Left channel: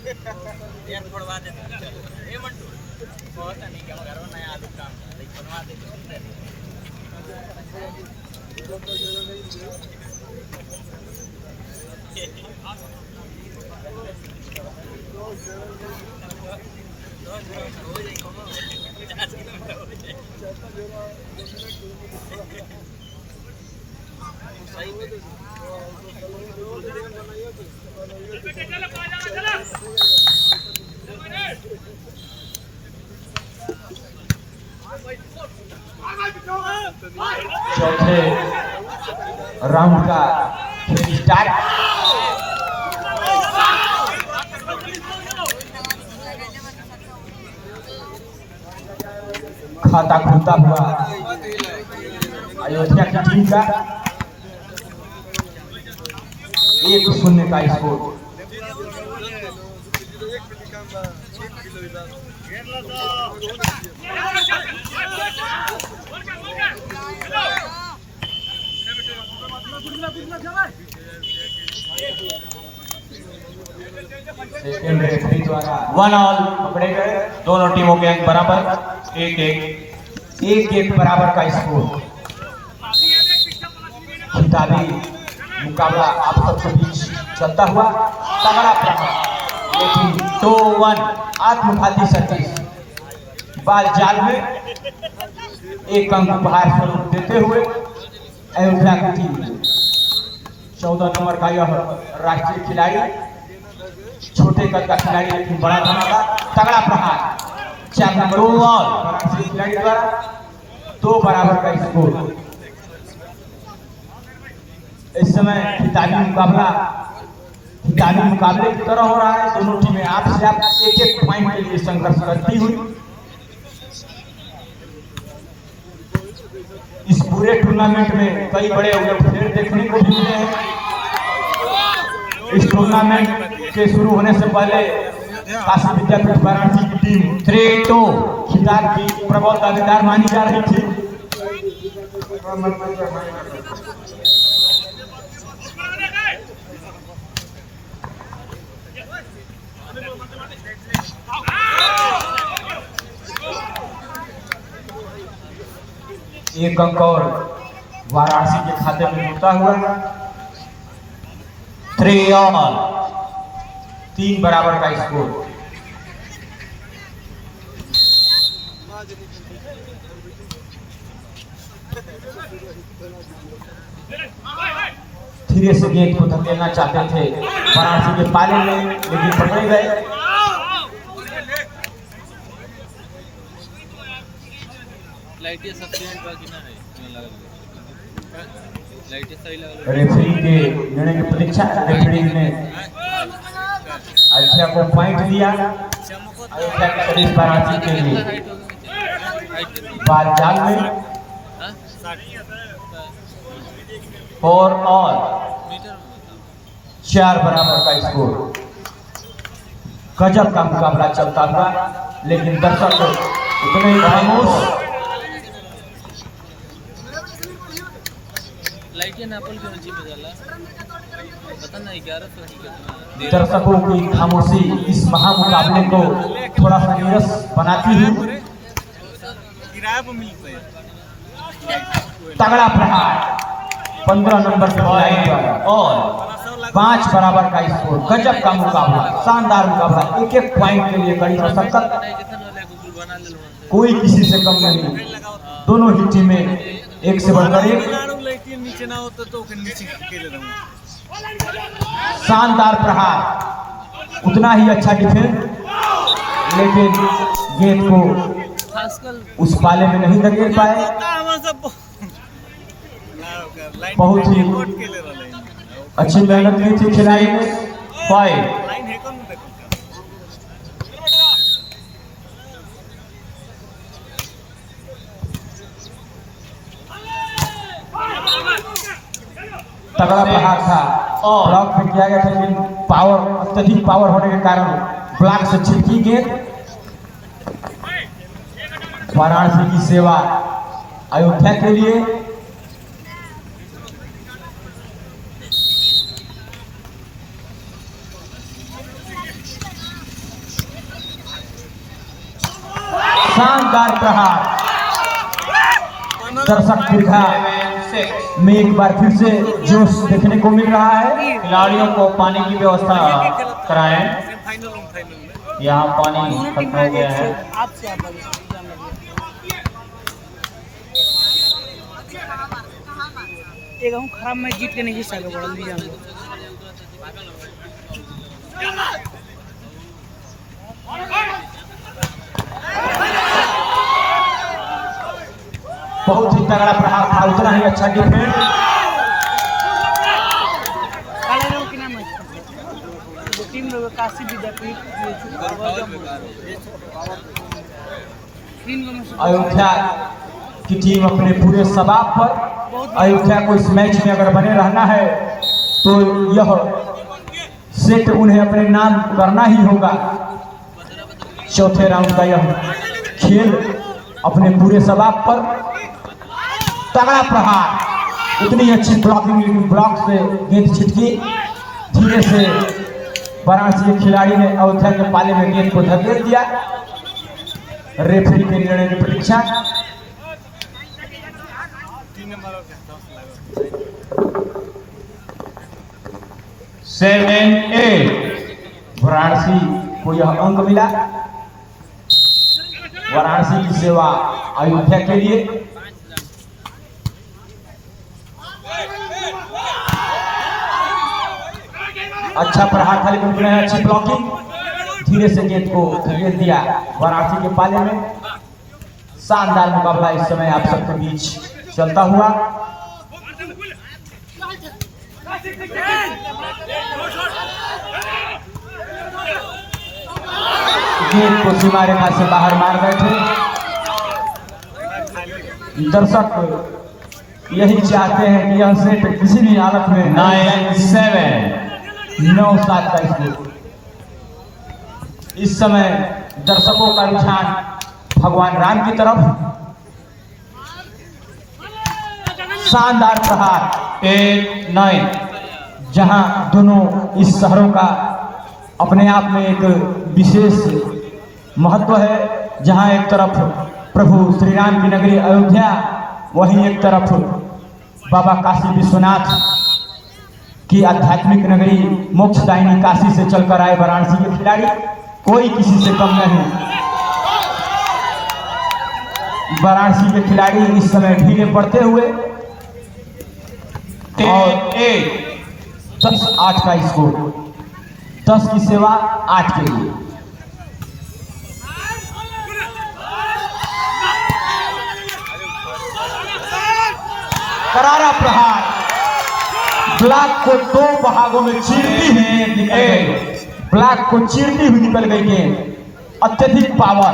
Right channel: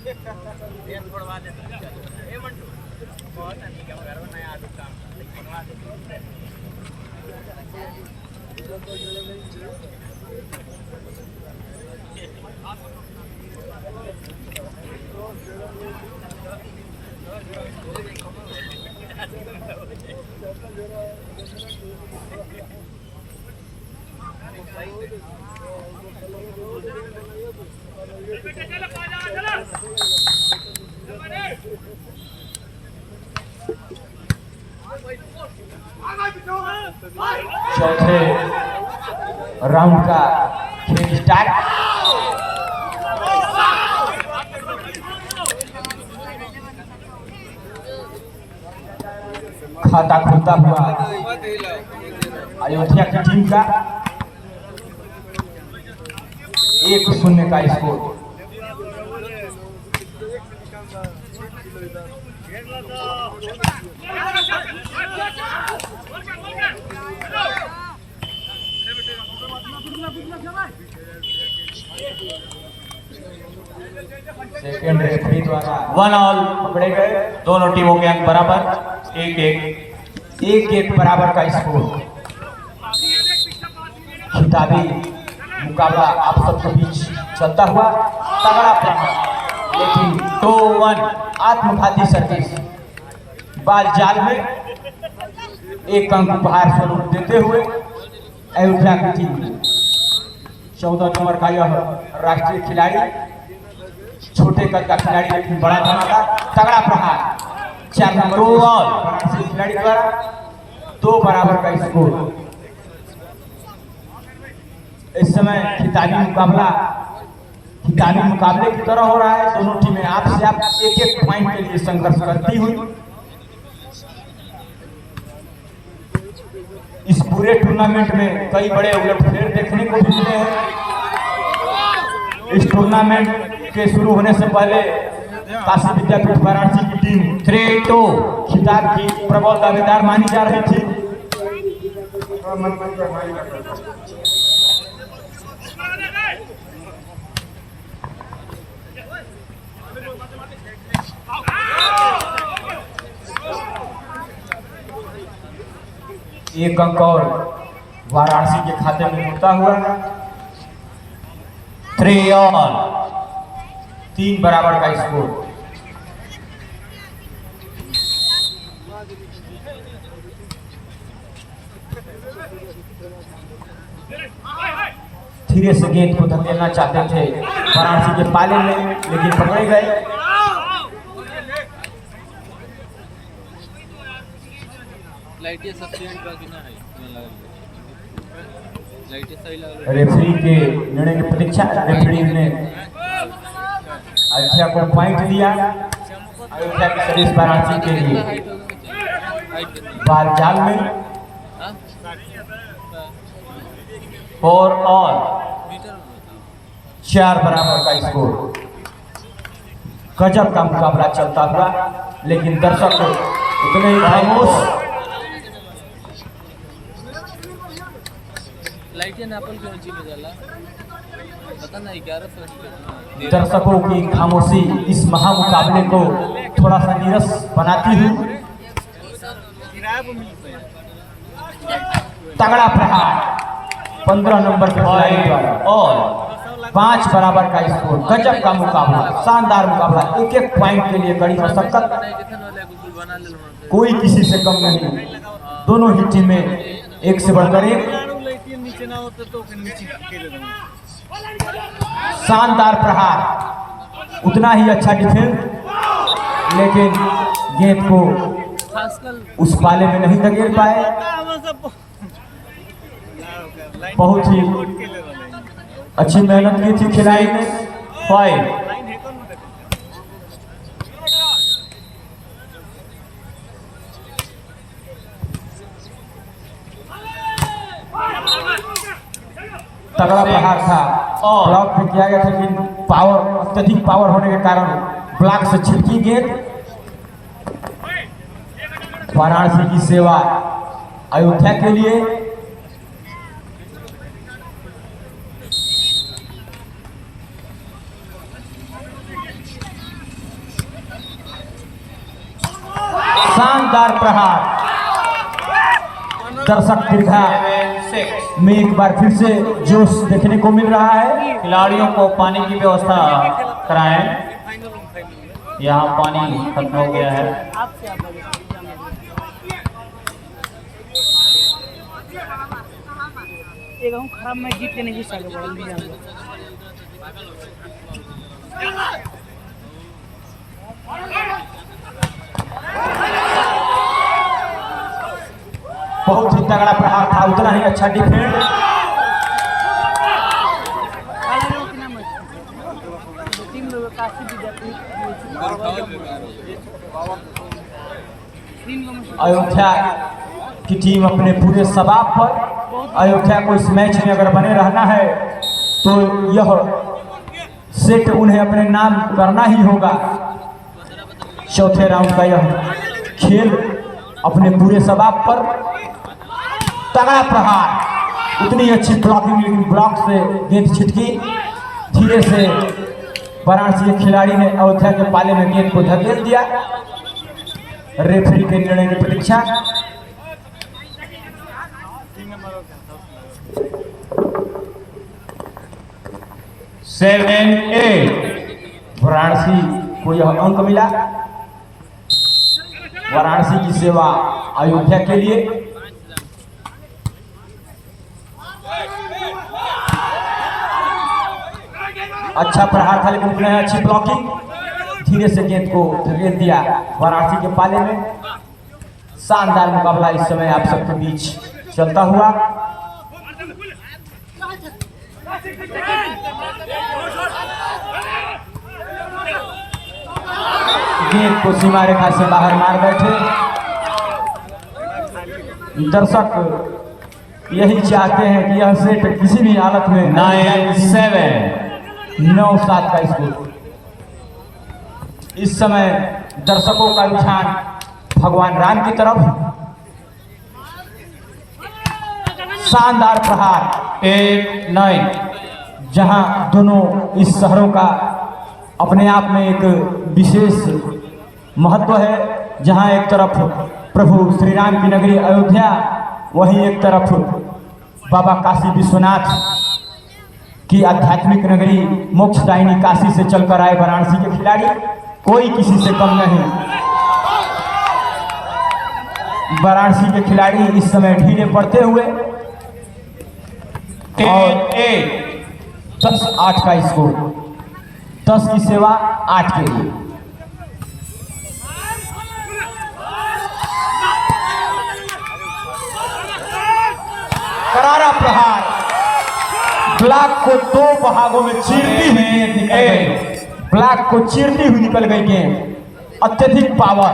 चौथे राउंड का स्टार्ट। खाता खुलता हुआ अयोध्या की टीम का 1-0 का स्कोर। सेकंड रेफरी द्वारा 1 ऑल पकड़े गए। दोनों टीमों के अंक बराबर 1-1। 1-1 बराबर का स्कोर। खिताबी मुकाबला आप सबके बीच चलता हुआ तगड़ा प्रहार, लेकिन 2-1 आत्मघाती सर्विस बाल जाल में 1 अंक उपहार स्वरूप देते हुए अयोध्या की टीम 14 नंबर का यह राष्ट्रीय खिलाड़ी, छोटे कद का खिलाड़ी लेकिन बड़ा भूमिका, तगड़ा प्रहार 4 नंबर 2 ऑल फरांसी खिलाड़ी द्वारा 2 बराबर का स्कोर। इस समय खिताबी मुकाबले की तरह हो रहा है। दोनों टीमें आपसे आप एक पॉइंट के लिए संघर्ष करती हुई इस पूरे टूर्नामेंट में कई बड़े उलटफेर देखने को भी मिले हैं। इस टूर्नामेंट के शुरू होने से पहले काशी विद्यापीठ वाराणसी की टीम 3-2 खिताब की प्रबल दावेदार मानी जा रही थी। एक अंक और वाराणसी के खाते में होता हुआ 3 ऑल 3 बराबर का स्कोर। धीरे से गेंद को धकेलना चाहते थे वाराणसी के पाले में, लेकिन पकड़े गए। रेफरी के निर्णय की प्रतीक्षा, रेफरी ने अयोध्या को पॉइंट लिया। अयोध्या के सदस्य वाराणसी के लिए बाल जाल में 4 ऑल 4 बराबर का स्कोर। गजब का मुकाबला चलता हुआ, लेकिन दर्शक उतने ही खामोश। दर्शकों की खामोशी इस महामुकाबले को थोड़ा सा नीरस बनाती है। तगड़ा प्रहार 15 नंबर पर और 5 बराबर का स्कोर। गजब का मुकाबला, शानदार मुकाबला, एक पॉइंट के लिए कड़ी मशक्कत, कोई किसी से कम नहीं। दोनों ही टीमें एक से बढ़कर एक। शानदार प्रहार, उतना ही अच्छा डिफेंस, लेकिन गेंद को उस पाले में नहीं धकेल पाए। बहुत ही अच्छी मेहनत की थी खिलाड़ी ने। 5 तगड़ा प्रहार था, ब्लॉक में किया गया था, लेकिन पावर, अत्यधिक पावर होने के कारण ब्लॉक से छिटकी गेंद। वाराणसी की सेवा अयोध्या के लिए। दीर्घा 7-6। में एक बार फिर से जोश देखने को मिल रहा है। खिलाड़ियों को पानी की व्यवस्था कराएं। यहाँ पानी खत्म हो गया है। एक हम खराब मैच जीत के नहीं हिस्सा के बढ़ल भी जान बहुत ही तगड़ा प्रहार था, उतना ही अच्छा डिफेंस। की नाम है दो टीम लोग काशी विद्यापीठ अयोध्या की टीम अपने पूरे सबाब पर अयोध्या को इस मैच में अगर बने रहना है तो यह सेट उन्हें अपने नाम करना ही होगा। चौथे राउंड का यह खेल अपने पूरे सबाब पर तगड़ा प्रहार, उतनी अच्छी ब्लॉकिंग, लेकिन ब्लॉक से गेंद छिटकी। धीरे से वाराणसी के खिलाड़ी ने अयोध्या के पाले में गेंद को धकेल दिया। रेफरी के निर्णय की प्रतीक्षा। सेवन एट वाराणसी को यह अंक मिला। वाराणसी की सेवा अयोध्या के लिए। अच्छा प्रहार था, लेकिन उन्होंने अच्छी ब्लॉकिंग, धीरे से गेंद को धकेल दिया वाराणसी के पाले में। शानदार मुकाबला इस समय आप सबके बीच चलता हुआ। गेंद को सीमा रेखा से बाहर मार बैठे। दर्शक यही चाहते हैं कि यह सेट किसी भी हालत में 9-7। 9-7 का स्कोर। इस समय दर्शकों का रुझान भगवान राम की तरफ। शानदार प्रहार 8-9। जहां दोनों इस शहरों का अपने आप में एक विशेष महत्व है। जहां एक तरफ प्रभु श्री राम की नगरी अयोध्या, वहीं एक तरफ बाबा काशी विश्वनाथ की आध्यात्मिक नगरी मोक्षदायिनी काशी से चलकर आए वाराणसी के खिलाड़ी। कोई किसी से कम नहीं। वाराणसी के खिलाड़ी इस समय ढीले पड़ते हुए 10-8। 10-8 का स्कोर। 10 की सेवा 8 के लिए। करारा प्रहार ब्लॉक को 2 भागों में चीरती हुई निकल गई। ब्लॉक को चीरती हुई निकल गई गेंद। अत्यधिक पावर,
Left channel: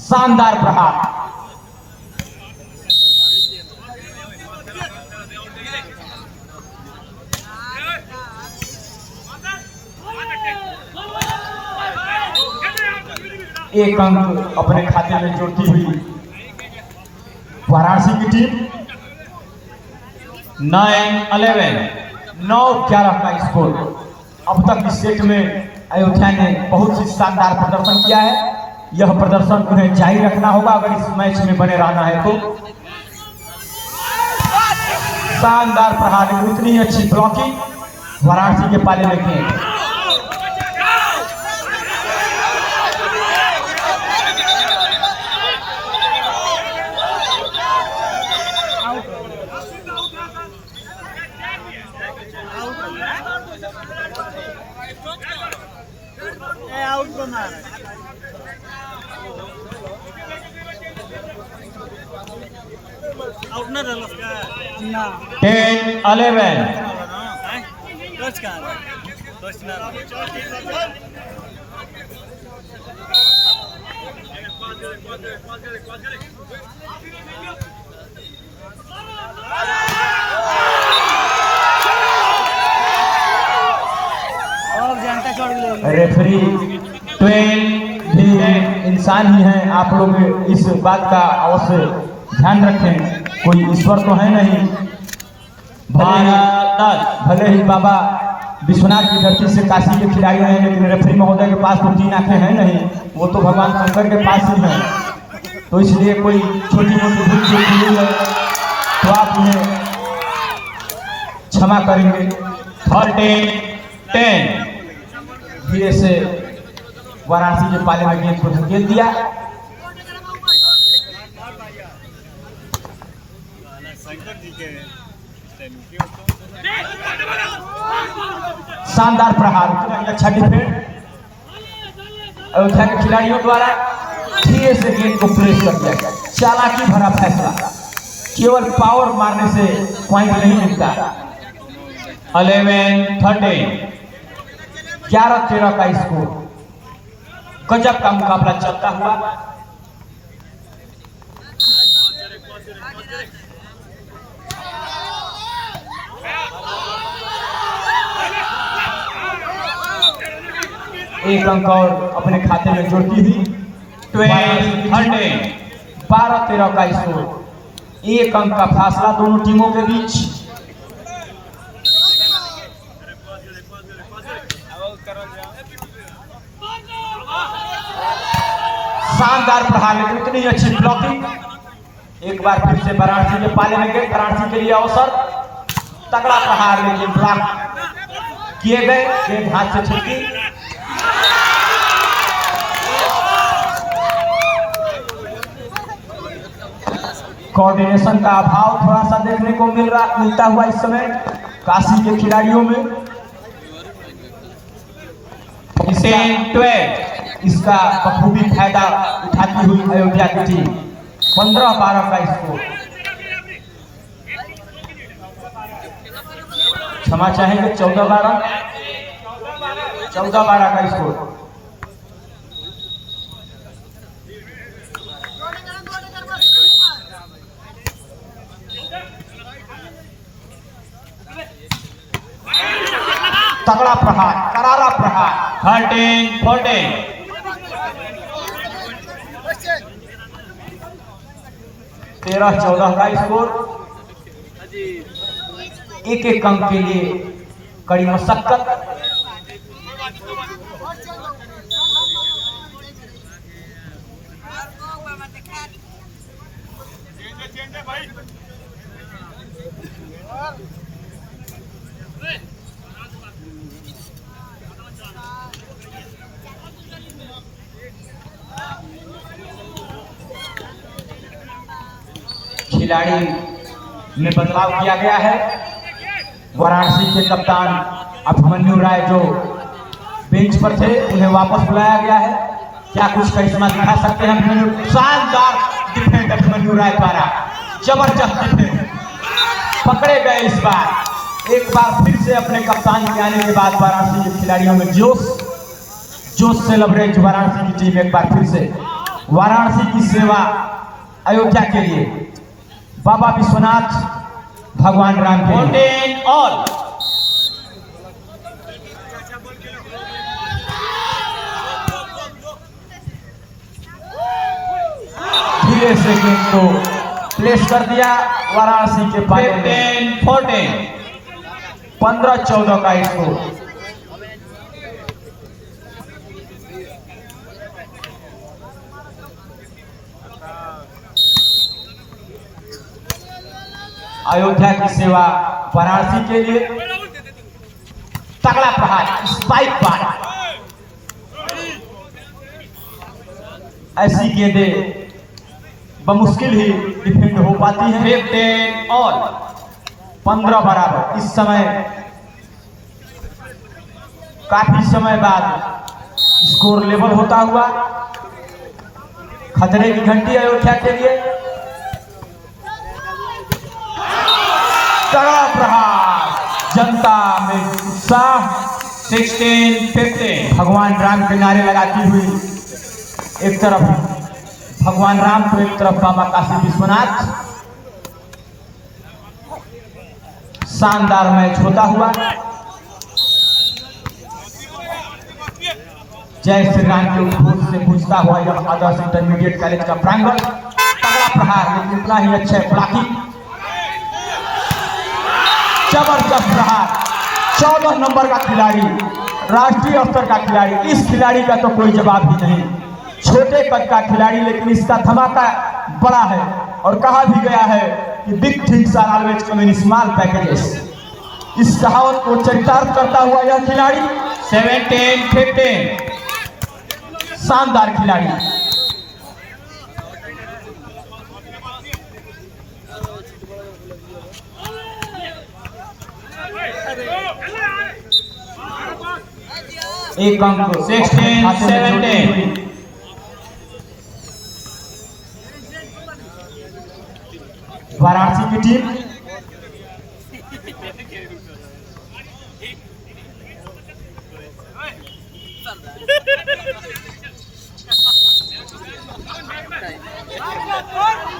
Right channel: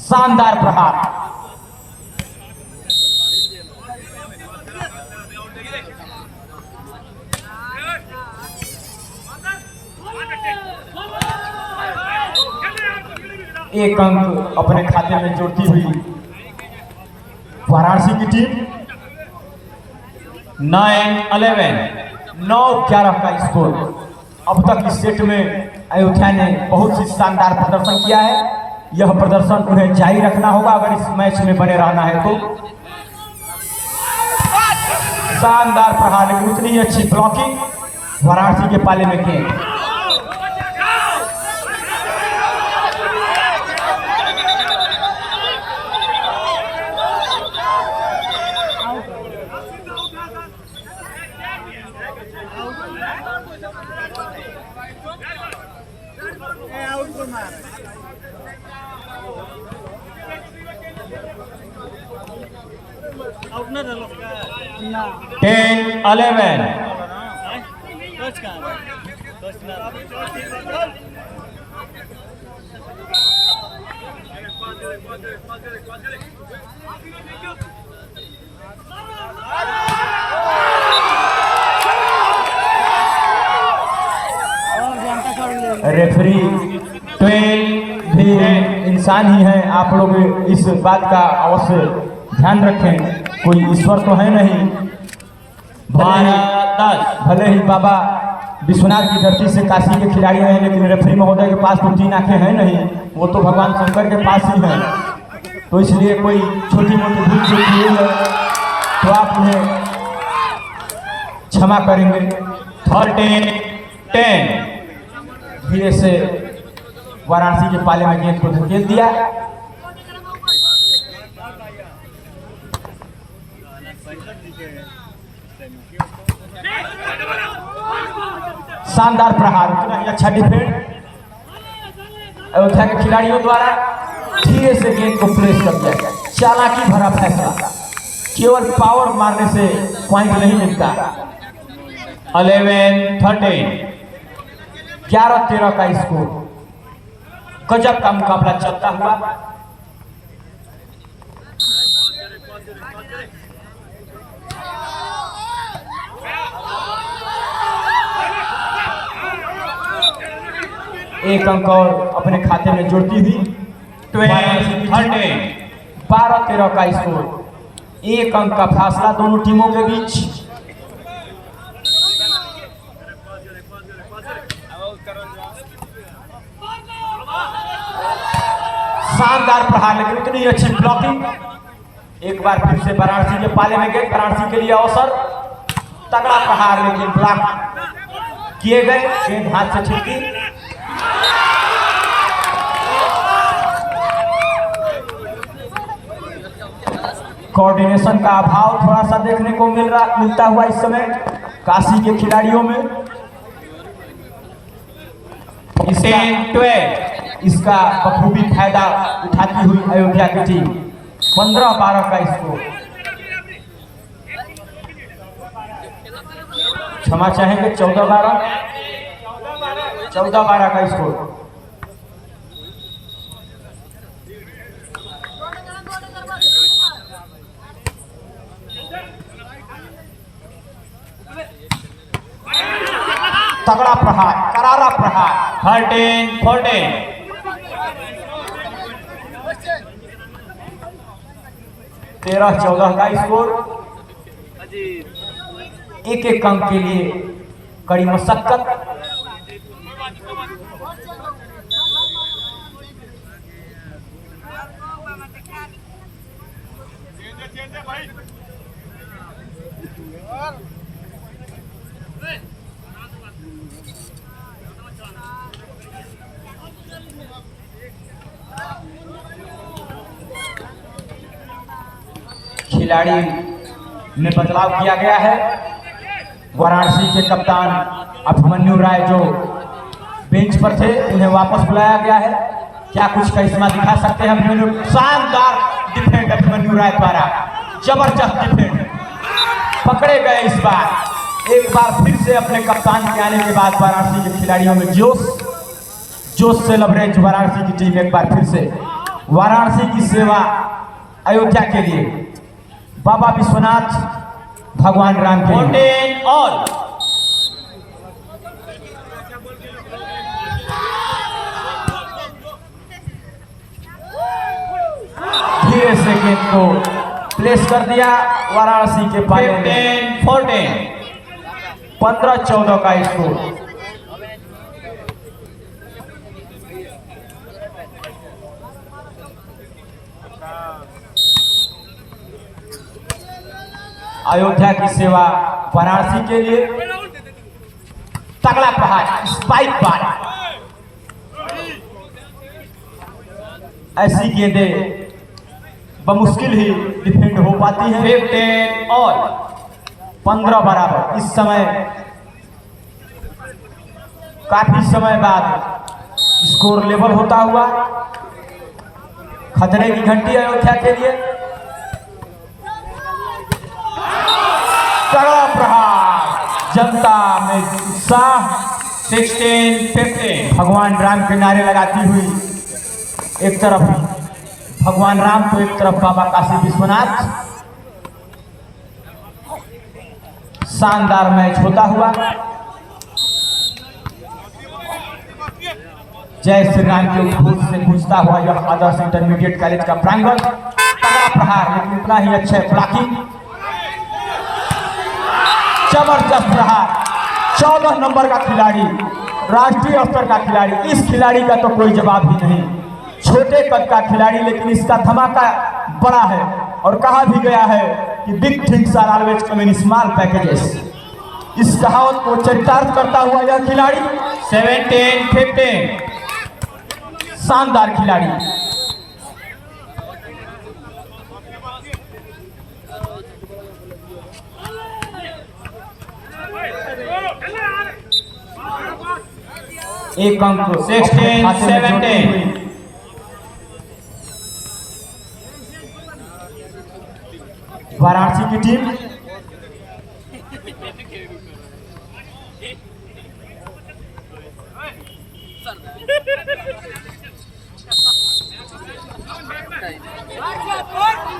शानदार प्रहार। एक अंक अपने खाते में जोड़ती हुई वाराणसी की टीम। 9-11। 9-11 का स्कोर। अब तक इस सेट में अयोध्या ने बहुत ही शानदार प्रदर्शन किया है। यह प्रदर्शन उन्हें जारी रखना होगा अगर इस मैच में बने रहना है तो। शानदार प्रहार, लेकिन उतनी अच्छी ब्लॉकिंग वाराणसी के पाले में गेंद। ना 10-11। और जनता चढ़ गई। रेफरी 12 भी इंसान ही है। आप लोग इस बात का अवश्य ध्यान रखें। कोई ईश्वर तो है नहीं। भले ही बाबा विश्वनाथ की धरती से काशी के खिलाड़ी हैं, लेकिन रेफरी महोदय के पास तो 3 आंखें हैं नहीं। वो तो भगवान शंकर के पास ही है। तो इसलिए कोई छोटी मोटी भूल चूक हुई है करेंगे। 13-10। धीरे से वाराणसी के पाले में गेंद को धकेल दिया। शानदार प्रहार, अच्छा डिफेंड अयोध्या के खिलाड़ियों द्वारा धीरे से गेंद को प्रेस कर दिया। चालाकी भरा फैसला, केवल पावर मारने से पॉइंट नहीं मिलता। 11-13। 11-13 का स्कोर। गजब का मुकाबला चलता हुआ। एक अंक और अपने खाते में जोड़ती हुई 12-13। 12-13 का स्कोर। एक अंक का फासला दोनों टीमों के बीच। शानदार प्रहार, लेकिन उतनी अच्छी ब्लॉकिंग। एक बार फिर से वाराणसी के पाले में गए। वाराणसी के लिए अवसर, तगड़ा प्रहार, लेकिन ब्लॉक किए गए। गेंद हाथ से छूटी। कोऑर्डिनेशन का अभाव थोड़ा सा देखने को मिलता हुआ इस समय काशी के खिलाड़ियों में। 12। इसका बखूबी फायदा उठाती हुई अयोध्या की टीम। 15-12 का स्कोर। क्षमा चाहेंगे, 14-12 का स्कोर। तगड़ा प्रहार, करारा प्रहार। 13-14। 13-14 का स्कोर। एक अंक के लिए कड़ी मशक्कत। खिलाड़ी में बदलाव किया गया है। वाराणसी के कप्तान अभिमन्यु राय जो बेंच पर थे, उन्हें वापस बुलाया गया है। क्या कुछ करिश्मा दिखा सकते हैं अभिमन्यु? शानदार डिफेंड अभिमन्यु राय द्वारा, जबरदस्त डिफेंड। पकड़े गए इस बार। एक बार फिर से अपने कप्तान के आने के बाद वाराणसी के खिलाड़ियों में जोश से लबरेज वाराणसी की टीम एक बार फिर से। वाराणसी की सेवा अयोध्या के लिए, बाबा विश्वनाथ भगवान राम के लिए। 14 ऑल। धीरे से गेंद को प्लेस कर दिया वाराणसी के पाले में। 15-14। 15-14 का स्कोर। अयोध्या की सेवा वाराणसी के लिए। तगड़ा प्रहार, स्पाइक बार। ऐसी गेंदें बमुश्किल ही डिफेंड हो पाती हैं। 15 ऑल। 15 बराबर। इस समय काफी समय बाद स्कोर लेवल होता हुआ। खतरे की घंटी अयोध्या के लिए। जनता में उत्साह। 16-15। भगवान राम के नारे लगाती हुई एक तरफ भगवान राम तो एक तरफ बाबा काशी विश्वनाथ। शानदार मैच होता हुआ। जय श्री राम के उद्घोष से गूंजता हुआ यह आदर्श इंटरमीडिएट कॉलेज का प्रांगण। तगड़ा प्रहार, लेकिन इतना ही अच्छा ब्लॉकिंग। जबरदस्त प्रहार। 14 नंबर का खिलाड़ी, राष्ट्रीय स्तर का खिलाड़ी। इस खिलाड़ी का तो कोई जवाब ही नहीं। छोटे कद का खिलाड़ी, लेकिन इसका धमाका बड़ा है। और कहा भी गया है कि big things are always come in small packages. इस कहावत को चरितार्थ करता हुआ यह खिलाड़ी 17-15 शानदार खिलाड़ी। एक अंक 16-17 वाराणसी की टीम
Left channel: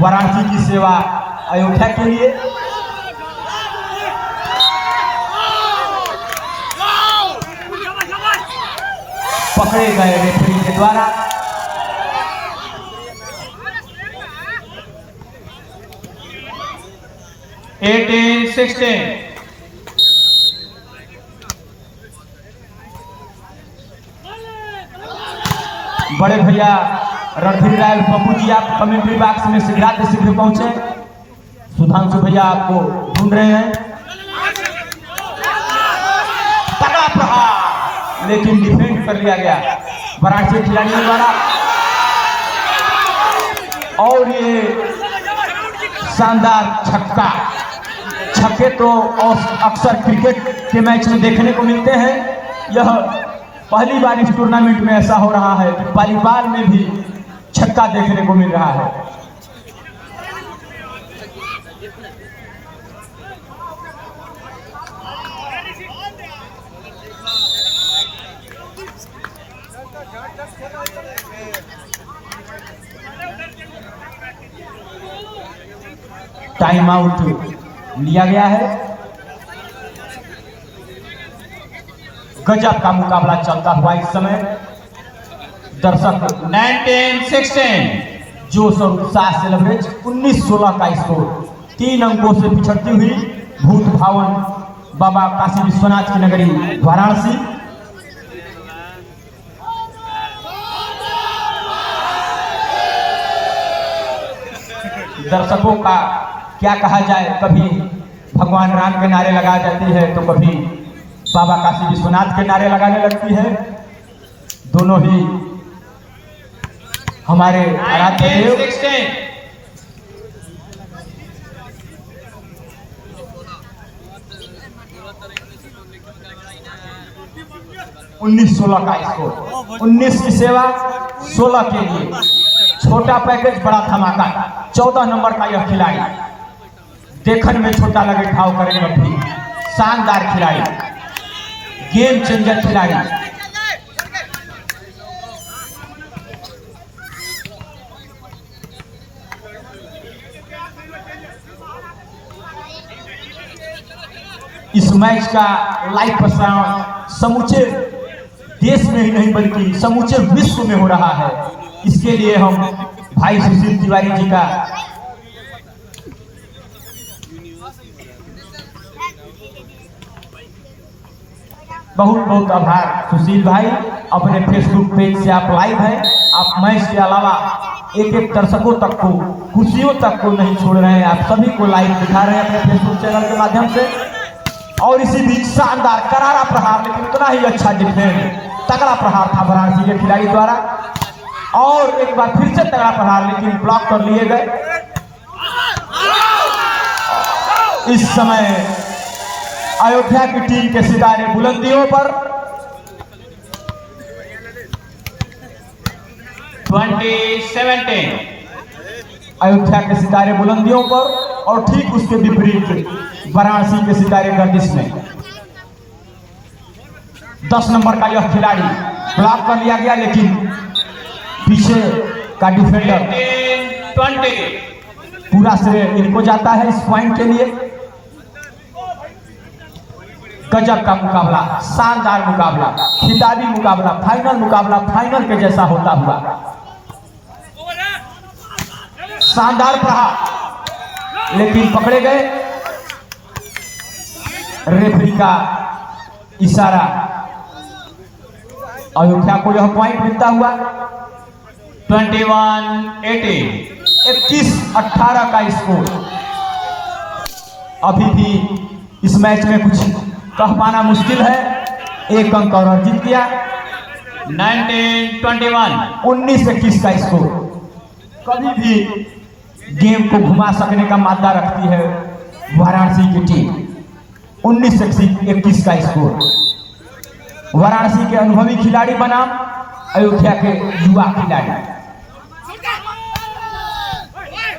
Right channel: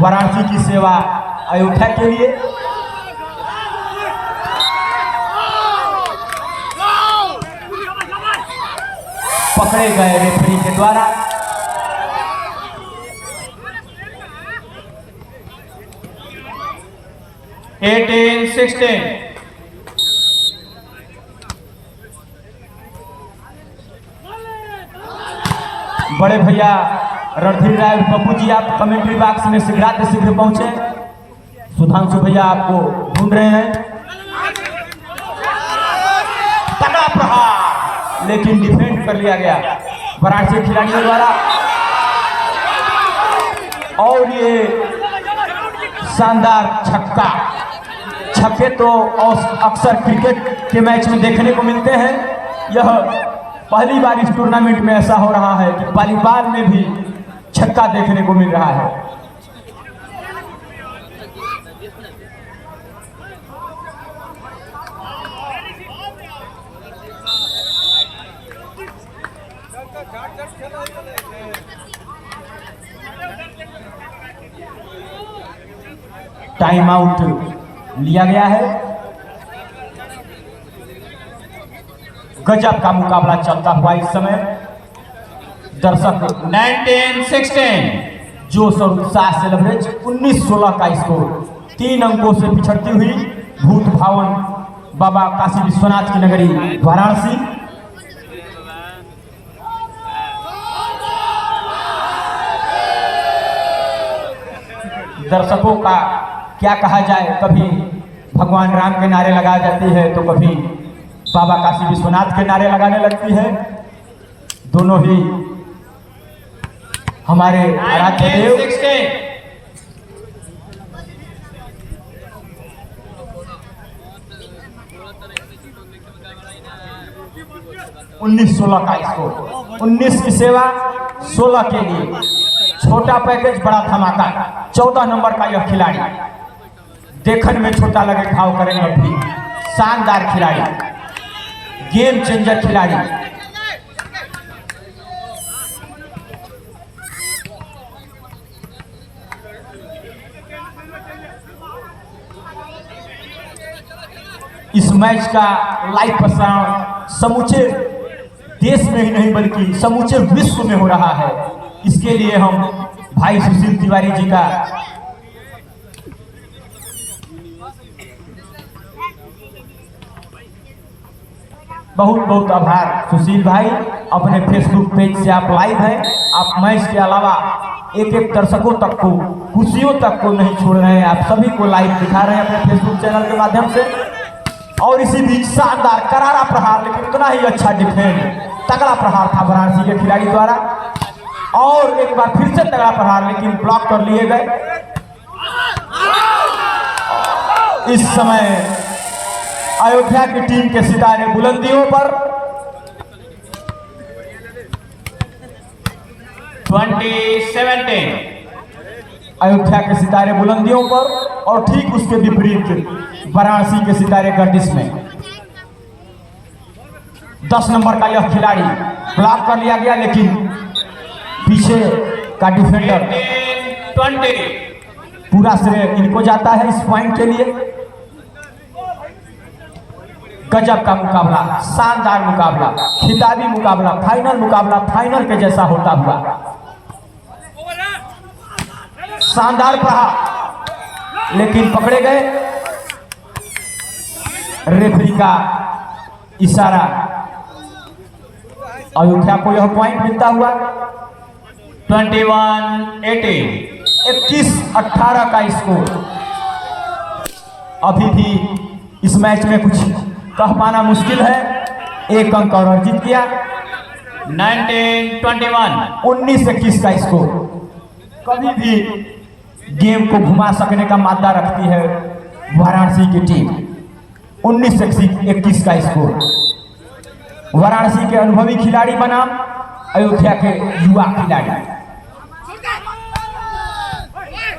वाराणसी की सेवा अयोध्या के लिए। पकड़े गए रेफरी के द्वारा। एटीन 16 बड़े भैया रणधीर राय पप्पू जी आप कमेंट्री बॉक्स में शीघ्र पहुंचे। सुधांशु भैया आपको ढूंढ रहे हैं। तगड़ा प्रहार, लेकिन डिफेंड कर लिया गया वाराणसी खिलाड़ियों द्वारा। और ये शानदार छक्का। छक्के तो अक्सर क्रिकेट के मैच में देखने को मिलते हैं। यह पहली बार इस टूर्नामेंट में ऐसा हो रहा है कि वॉलीबॉल में भी छक्का देखने को मिल रहा है। टाइम आउट लिया गया है। गजब का मुकाबला चलता हुआ इस समय। दर्शक 19-16 जोश और उत्साह से लवरेज 19-16 का स्कोर। 3 अंकों से पिछड़ती हुई भूत भावन बाबा काशी विश्वनाथ की नगरी वाराणसी। दर्शकों का क्या कहा जाए, कभी भगवान राम के नारे लगाए जाते हैं तो कभी बाबा काशी विश्वनाथ के नारे लगाने लगती है। दोनों ही हमारे आराध्य देव। 19-16 का स्कोर। 19 की सेवा 16 के लिए। छोटा पैकेज बड़ा धमाका। 14 नंबर का यह खिलाड़ी देखने में छोटा लगे ठाव करेंगे भी। शानदार खिलाड़ी, गेम चेंजर खिलाड़ी। इस मैच का लाइव प्रसारण समूचे देश में ही नहीं बल्कि समूचे विश्व में हो रहा है। इसके लिए हम भाई सुशील तिवारी जी का बहुत बहुत आभार। सुशील भाई, अपने फेसबुक पेज से आप लाइव हैं। आप मैच के अलावा एक एक दर्शकों तक को, खुशियों तक को नहीं छोड़ रहे हैं। आप सभी को लाइव दिखा रहे हैं अपने फेसबुक चैनल के माध्यम से। और इसी बीच शानदार करारा प्रहार, लेकिन उतना ही अच्छा डिफेंड, तगड़ा प्रहार था वाराणसी के खिलाड़ी द्वारा। और एक बार फिर से तगड़ा प्रहार, लेकिन ब्लॉक कर लिए गए। इस समय अयोध्या की टीम के सितारे बुलंदियों पर। 20-17 अयोध्या के सितारे बुलंदियों पर और ठीक उसके विपरीत वाराणसी के सितारे गर्दिश में। 10 नंबर का यह खिलाड़ी ब्लॉक कर लिया गया, लेकिन पीछे का डिफेंडर 18-20 पूरा श्रेय इनको जाता है इस पॉइंट के लिए। गजब का मुकाबला, शानदार मुकाबला, खिताबी मुकाबला, फाइनल के जैसा होता हुआ। शानदार प्रहार, लेकिन पकड़े गए। रेफरी का इशारा। अयोध्या को यह पॉइंट मिलता हुआ। 21-18 21-18 का स्कोर। अभी भी इस मैच में कुछ कह पाना मुश्किल है। एक अंक और जीत गया। 19-21। 19-21 का स्कोर। कभी भी गेम को घुमा सकने का मादा रखती है वाराणसी की टीम। 19-21 का स्कोर। वाराणसी के अनुभवी खिलाड़ी बनाम अयोध्या के युवा खिलाड़ी।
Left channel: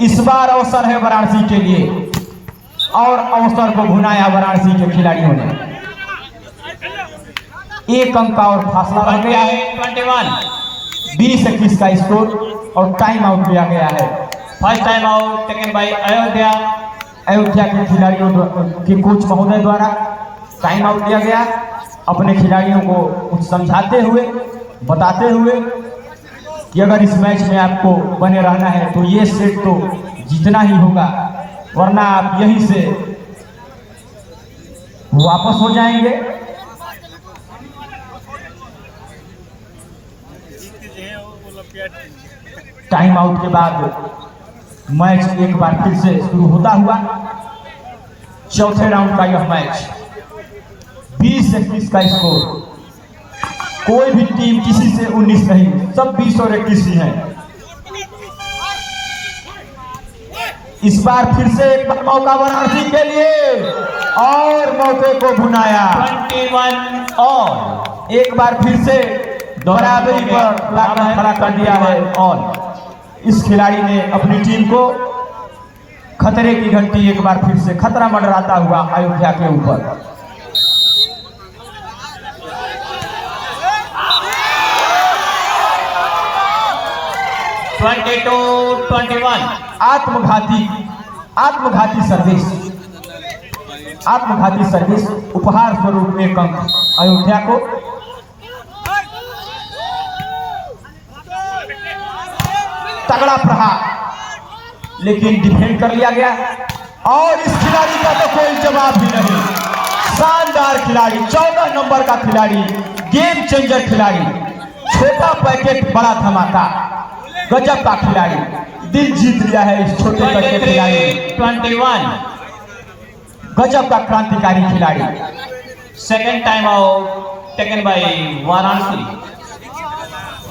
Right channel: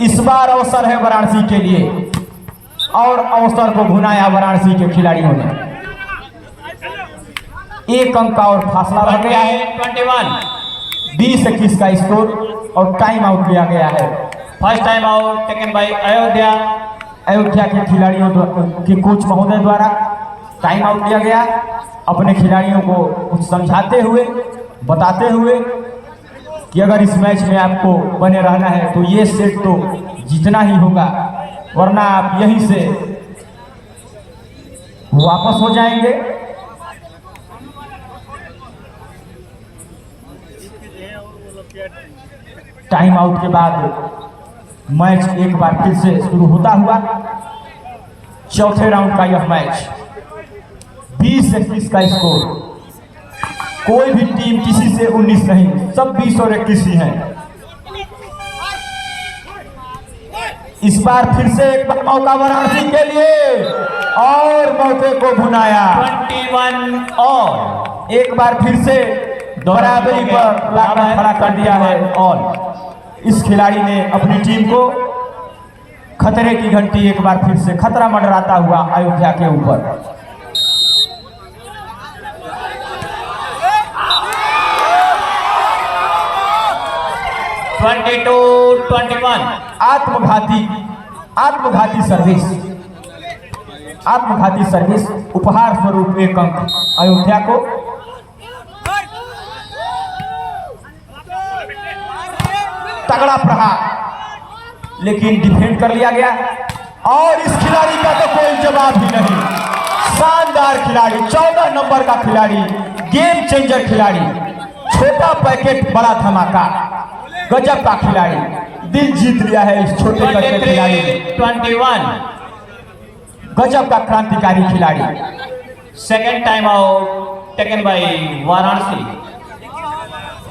इस बार अवसर है वाराणसी के लिए और अवसर को भुनाया वाराणसी के खिलाड़ियों ने। एक अंक का और फासला रह गया है। 20-21 का स्कोर और टाइम आउट लिया गया है। First time out taken by Ayodhya. Ayodhya के खिलाड़ियों के कोच महोदय द्वारा टाइम आउट लिया गया। अपने खिलाड़ियों को कुछ समझाते हुए, बताते हुए कि अगर इस मैच में आपको बने रहना है तो ये सेट तो जीतना ही होगा, वरना आप यहीं से वापस हो जाएंगे। टाइम आउट के बाद मैच एक बार फिर से शुरू होता हुआ। चौथे राउंड का यह मैच 20-21 का स्कोर। कोई भी टीम किसी से 19 नहीं, सब 20 और 21 ही है। इस बार फिर से एक मौका वाराणसी के लिए और मौके को भुनाया। 21 और एक बार फिर से बराबरी पर लाकर खड़ा कर दिया है और इस खिलाड़ी ने अपनी टीम को खतरे की घंटी एक बार फिर से खतरा मंडराता हुआ अयोध्या के ऊपर। आत्मघाती सर्विस उपहार स्वरूप एक अंक अयोध्या को। तगड़ा प्रहार लेकिन डिफेंड कर लिया गया और इस खिलाड़ी का तो कोई जवाब ही नहीं। शानदार खिलाड़ी, 14 नंबर का खिलाड़ी, गेम चेंजर खिलाड़ी, छोटा पैकेट बड़ा धमाका, गजब का खिलाड़ी, दिल जीत लिया है इस छोटे पैकेट खिलाड़ी। 21 गजब का क्रांतिकारी खिलाड़ी। Second time out taken by Varanasi.